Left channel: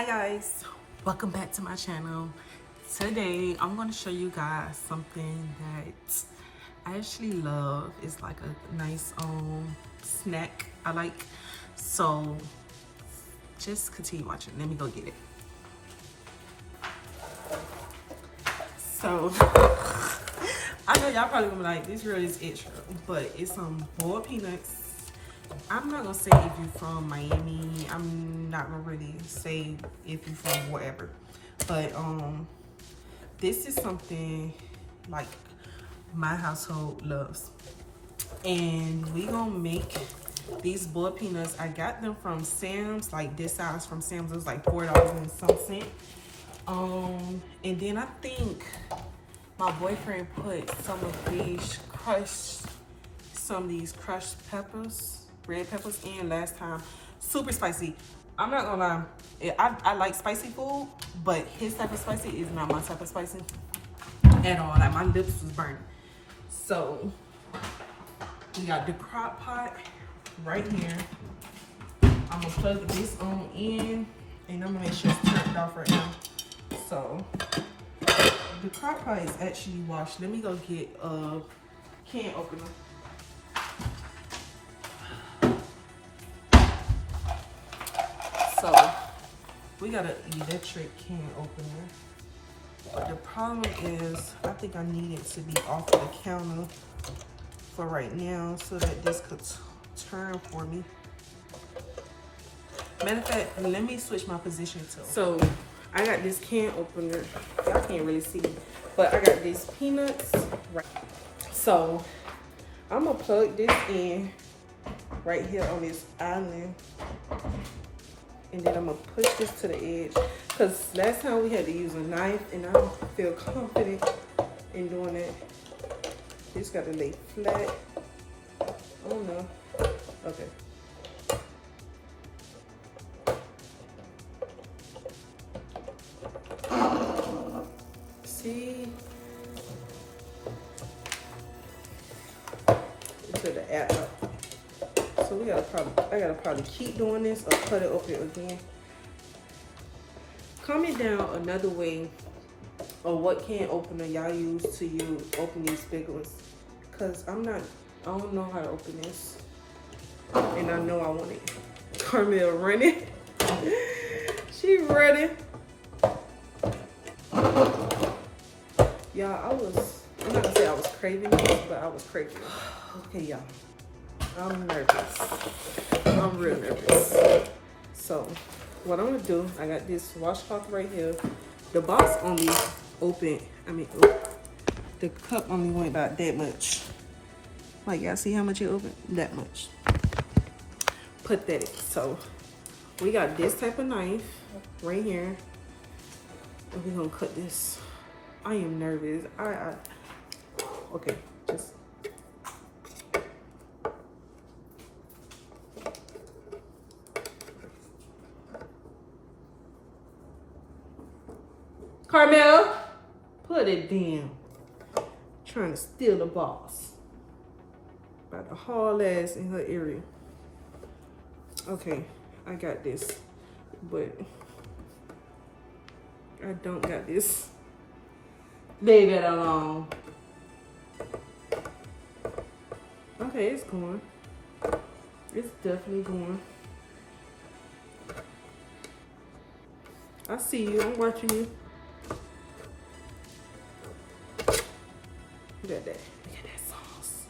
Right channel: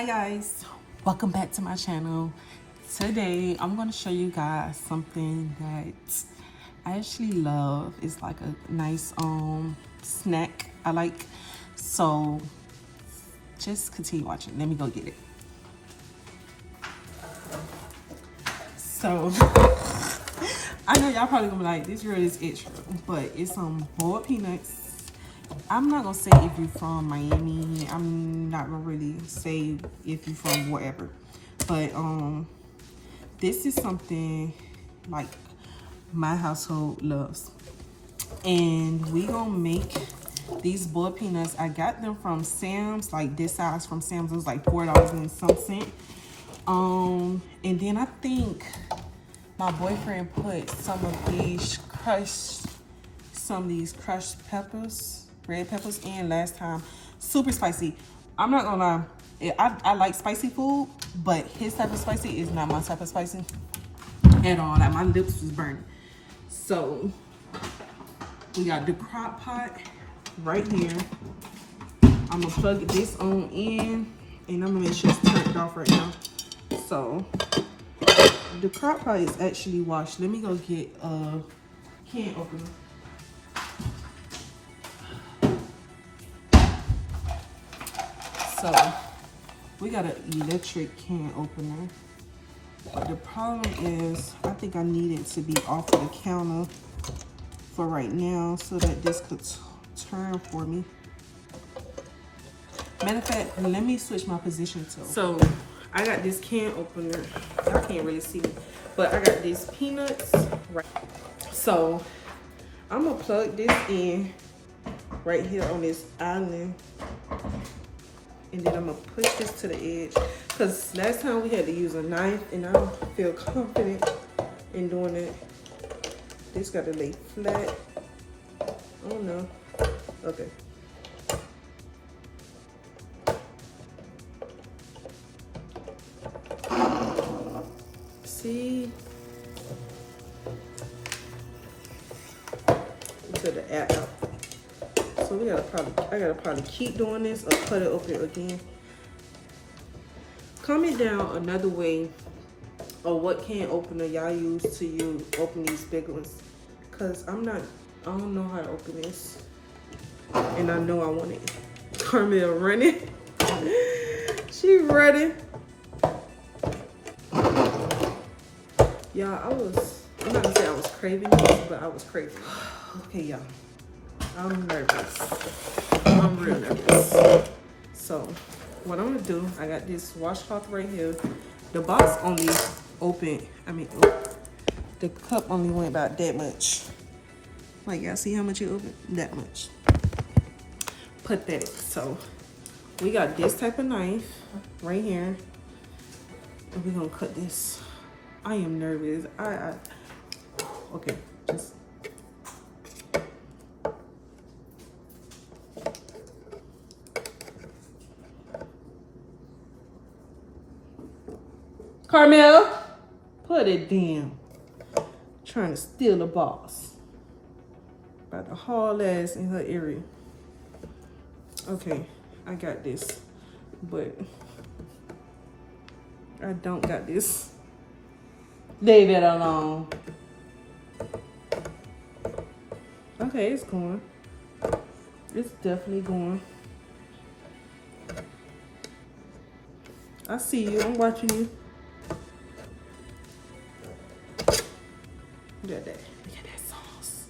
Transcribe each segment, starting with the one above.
Hi guys, welcome back to my channel. Today I'm going to show you guys something that I actually love. It's like a nice snack I like. So just continue watching. Let me go get it. So I know y'all probably gonna be like, this really is extra, but it's some boiled peanuts. I'm not gonna say if you're from Miami. I'm not gonna really say if you're from wherever, but this is something like my household loves, and we gonna make these boiled peanuts. I got them from Sam's, like this size from Sam's. It was like $4 and some cent. And then I think my boyfriend put some of these crushed peppers, red peppers in last time. Super spicy. I'm not gonna lie, I like spicy food, but his type of spicy is not my type of spicy at all. Like my lips was burning. So we got the crock pot right here. I'm gonna plug this on in, and I'm gonna make sure it's turned off right now. So the crock pot is actually washed. Let me go get a can opener. So we got an electric can opener. But the problem is, I think I need it to be off the counter for right now so that this could turn for me. Matter of fact, let me switch my position too. So I got this can opener. Y'all can't really see me, but I got these peanuts right. So I'm gonna plug this in right here on this island, and then I'm gonna push this to the edge, because last time we had to use a knife and I don't feel confident in doing that. This gotta lay flat. Oh no. Okay. See? To the air out. So I gotta probably keep doing this or cut it open again. Comment down another way or what can opener y'all use to open these big ones. Cause I don't know how to open this. And I know I want it. Carmel running. She running. Y'all, I'm not gonna say I was craving it, but I was craving it. Okay, y'all. I'm nervous. I'm real nervous. So, what I'm gonna do, I got this washcloth right here. The box only opened, the cup only went about that much. Like, y'all see how much it opened? That much. Pathetic. So, we got this type of knife right here. And we're gonna cut this. I am nervous. Okay, just. Carmel, put it down. Trying to steal the box. About to haul ass in her area. Okay, I got this, but I don't got this. Leave it alone. Okay, it's going. It's definitely going. I see you. I'm watching you. Look at that. Look at that sauce.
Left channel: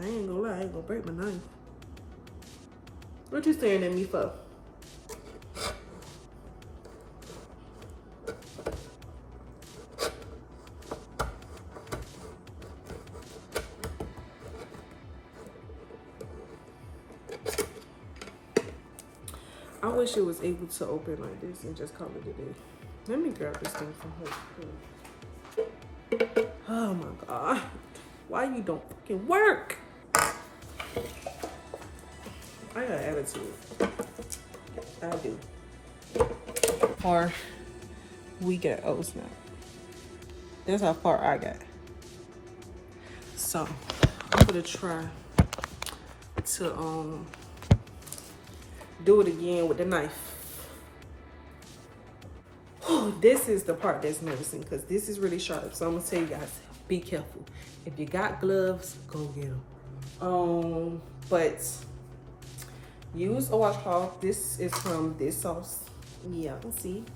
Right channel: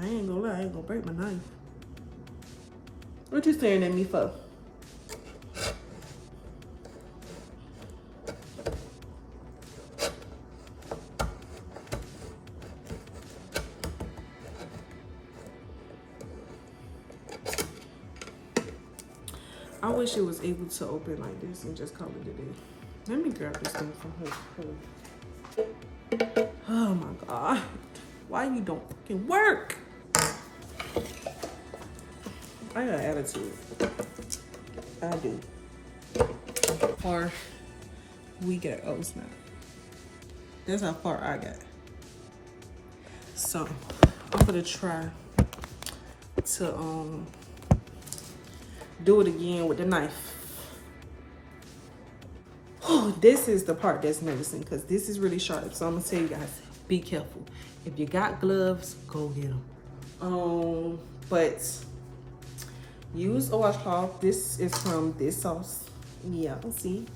I ain't gonna lie, I ain't gonna break my knife. What you staring at me for? I wish it was able to open like this and just call it a day. Let me grab this thing from her. Oh my God. Why you don't fucking work? I got attitude. I do. Or we got O's now. That's how far I got. So I'm gonna try to do it again with the knife. Whew, this is the part that's nervousing because this is really sharp. So I'm gonna tell you guys, be careful. If you got gloves, go get them. But use a washcloth. This is from this sauce. Yeah, see,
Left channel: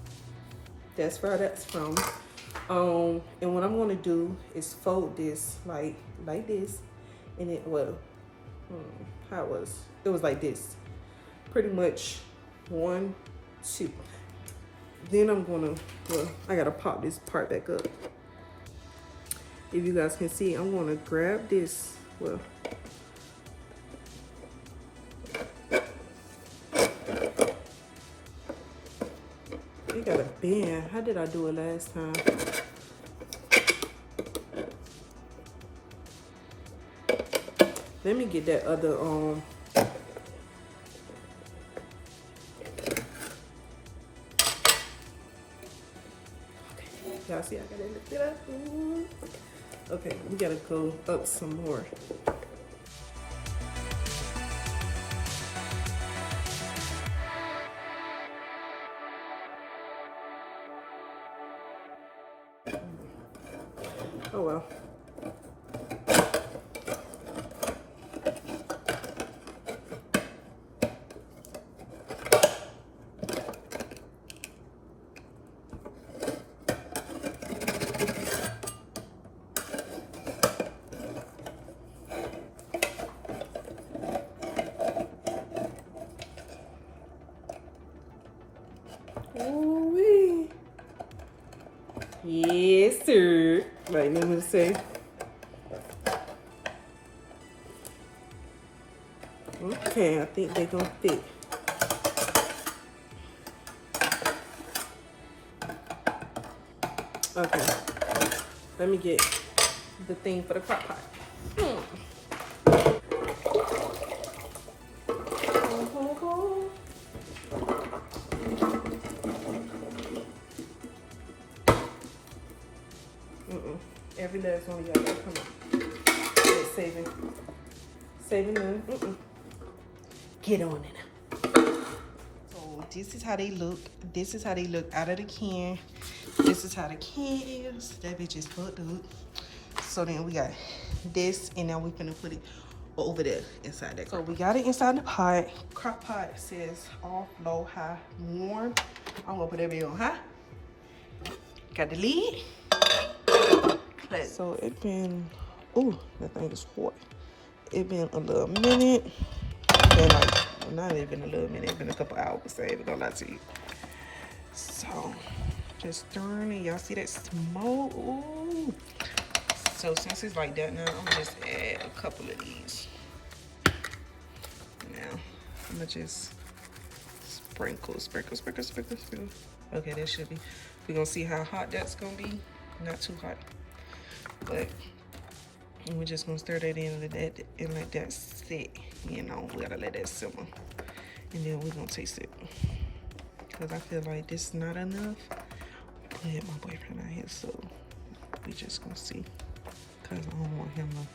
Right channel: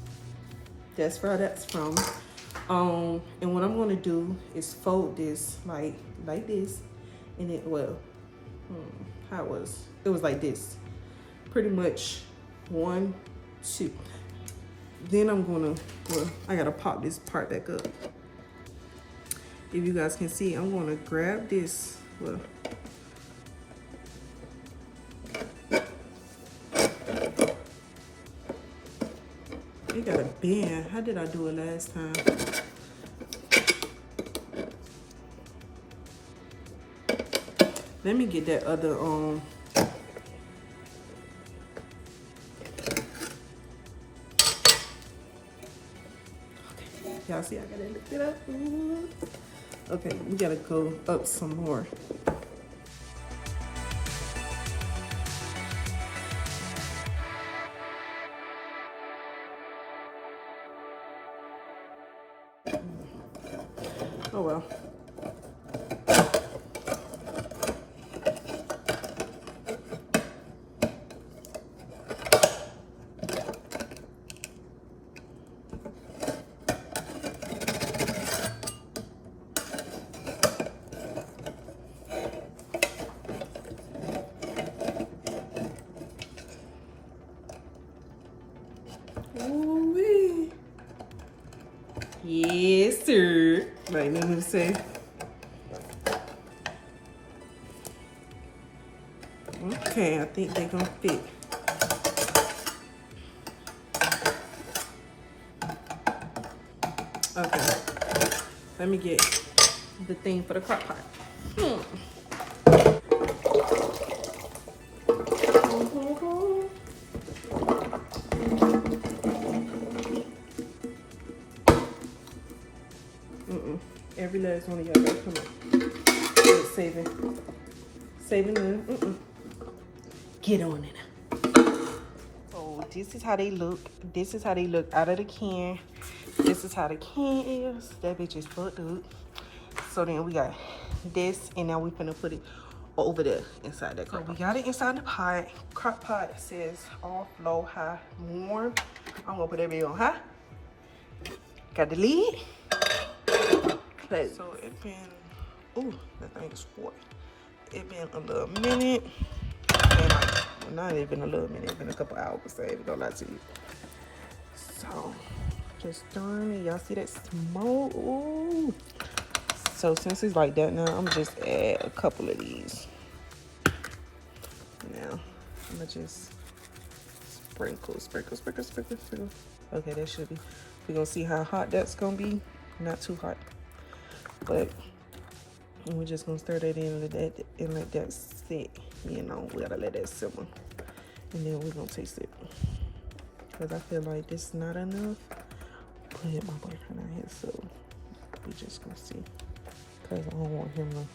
that's where that's from. And what I'm gonna do is fold this like this, and it how it was like this, pretty much 1, 2. Then I'm gonna, I gotta pop this part back up. If you guys can see, I'm gonna grab this, it got a bend. How did I do it last time? Let me get that other, okay, y'all see I gotta lift it up. Ooh. Okay, we gotta go up some more. Oh well. Ooh-wee. Yes, sir. Right, let me say. Okay, I think they're gonna fit. Okay, let me get the thing for the crock pot. Every last one of y'all gotta come up. It's saving them. Get on it. So this is how they look. This is how they look out of the can. This is how the can is. That bitch is fucked up. So then we got this, and now we're gonna put it over there inside that crock pot. So we got it inside the pot. Crock pot says off, low, high, warm. I'm gonna put everything on high. Got the lid. So it been, ooh, that thing is hot. It been a little minute. And like, well, not even a little minute. It's been a couple hours. So I ain't gonna lie to you. So just stirring it. Y'all see that smoke? Ooh. So since it's like that now, I'm gonna just add a couple of these. Now I'm gonna just sprinkle. Okay, that should be. We're gonna see how hot that's gonna be. Not too hot, but we're just gonna stir that in and let that sit. You know, we gotta let that simmer, and then we're gonna taste it. Cause I feel like this is not enough. But my boyfriend out here, so we just gonna see. Cause I don't want him to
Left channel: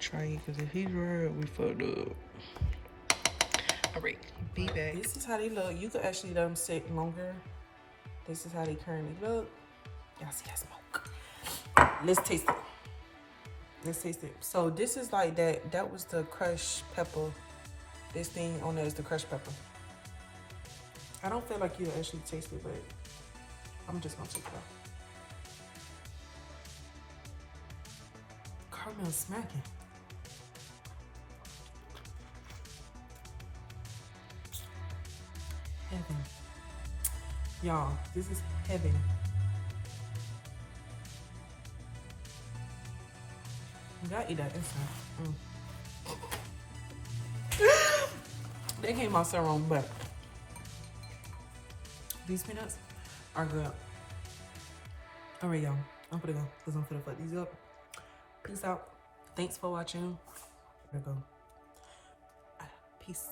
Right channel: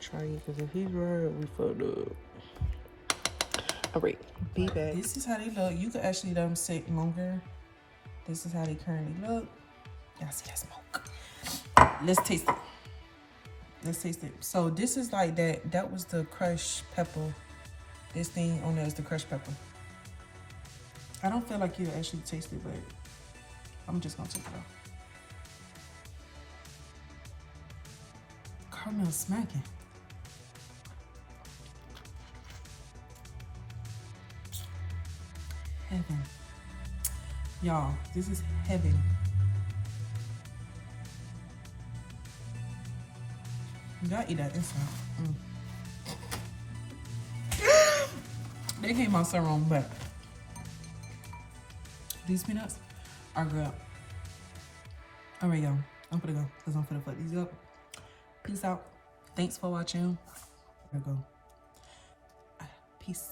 try it. Cause if he's right, we fucked up. All right, be back. This is how they look. You could actually let them sit longer. This is how they currently look. Y'all see that smoke? Let's taste it. Let's taste it. So this is like that. That was the crushed pepper. This thing on there is the crushed pepper. I don't feel like you actually taste it, but I'm just gonna take it out. Caramel smacking. Heaven. Y'all, this is heaven. You gotta eat that inside. They came out so wrong, but these peanuts are good. All right, y'all. I'm gonna go because I'm gonna fuck these up. Peace out. Thanks for watching. There we go. Peace.